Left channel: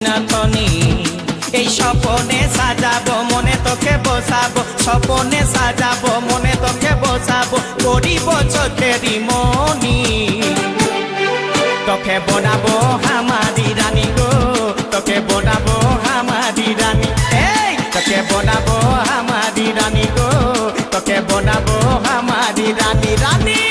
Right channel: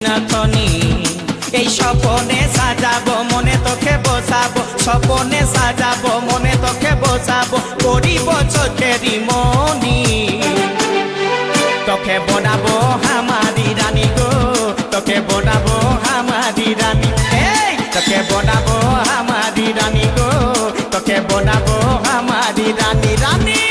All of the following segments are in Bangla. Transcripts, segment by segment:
নাথনি এই স্বপনে সাজাবো মনে তোকে বসাবো স্বপনে সাজাবো মনে তোকে বসাবো করিব চোখেরি মনি তোকে বনাবো হামারি রানী গো তোকে বনাবো হামারি রানী এই তোকে বনাবো হামারি রানী গো তোকে বনাবো হামারি রানী রানী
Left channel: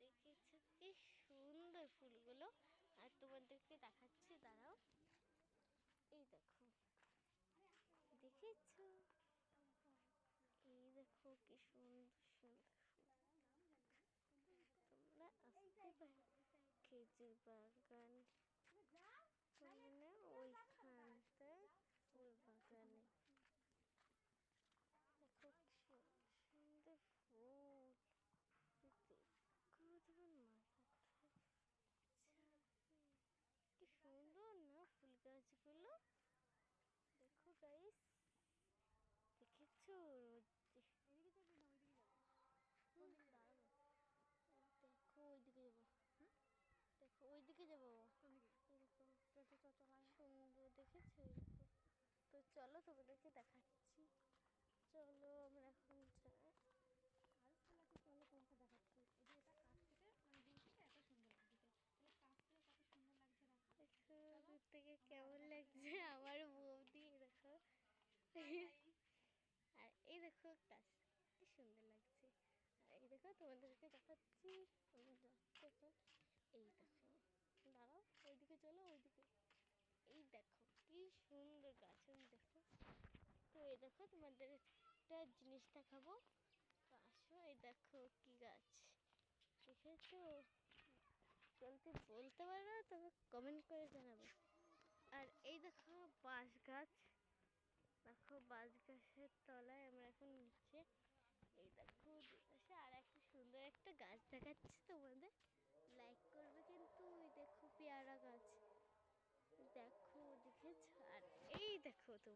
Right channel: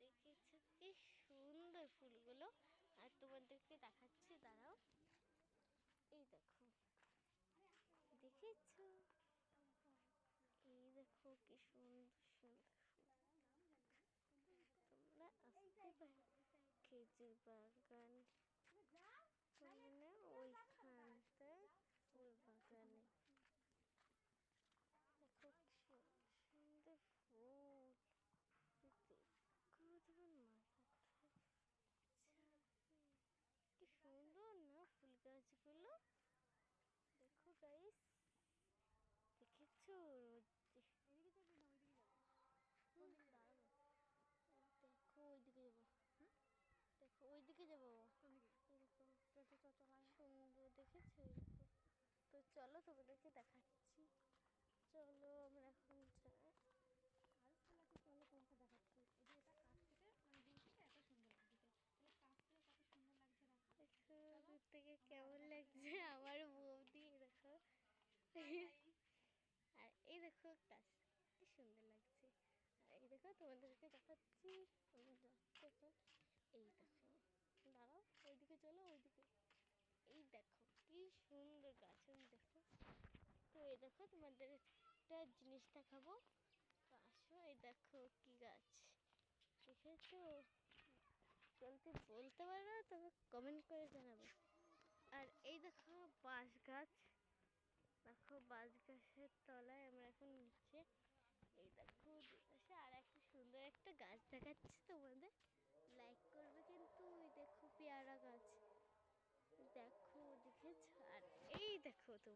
দেখেছো কি সুন্দর ফুলগুলো আর তোমাদেরকে দেখাচ্ছি দাঁড়াও এই দেখো দেখেছো এই দেখো কি সুন্দর সুন্দর ফুল তোমরা আসতে পারো খেজুর বাগান মানে ওইখানটায় ফুল বাগানে দেখো কি সুন্দর ফুল তোমার মাথাটা কি সুন্দর না ফুল গাছগুলো দেখো গাইস দেখেছো দেখো ওইদিকে যাবো দেখো ওইদিকে যাবো সুন্দর দেখেছো তো চলো তোমাদেরকে দেখাচ্ছি চলো আমরা এখন যাই চলো তোমাকে দেখাচ্ছি এই যে এটা কাছ থেকে মানে দূর থেকে এত সুন্দর লাগছে তাহলে কাছ থেকে কত সুন্দর লাগছে দেখো দূর থেকে কেমন লাগছে আমার বৌদি দেখো আর এই দেখো কাছ কি সুন্দর লাগছে আর এই দেখো তোমাদেরকে দেখাচ্ছি দেখো এই দেখো দাঁড়াও ওইদিকে চলো ওইদিকে এই দেখো কি সুন্দর গাছ দেখো তো এই দেখো তোমাদের একটা জিনিস দেখাবো তো আসো এই দেখো কি গাছ দেখেছো চলতে বলতে পারো না তবে কমেন্ট করে জানাবে আর এই দেখো বাঁশ গাছ দেখো বাঁশ গাছের তলায় আমরা এখন নিচে এই দেখো দুপাশে আর একটা সুন্দর একটা গাছ দেখাচ্ছি তোমাদের লাইক করবে কিন্তু ওই দেখো পেয়ারা গাছ দেখো দেখেছো আর এই দেখো তো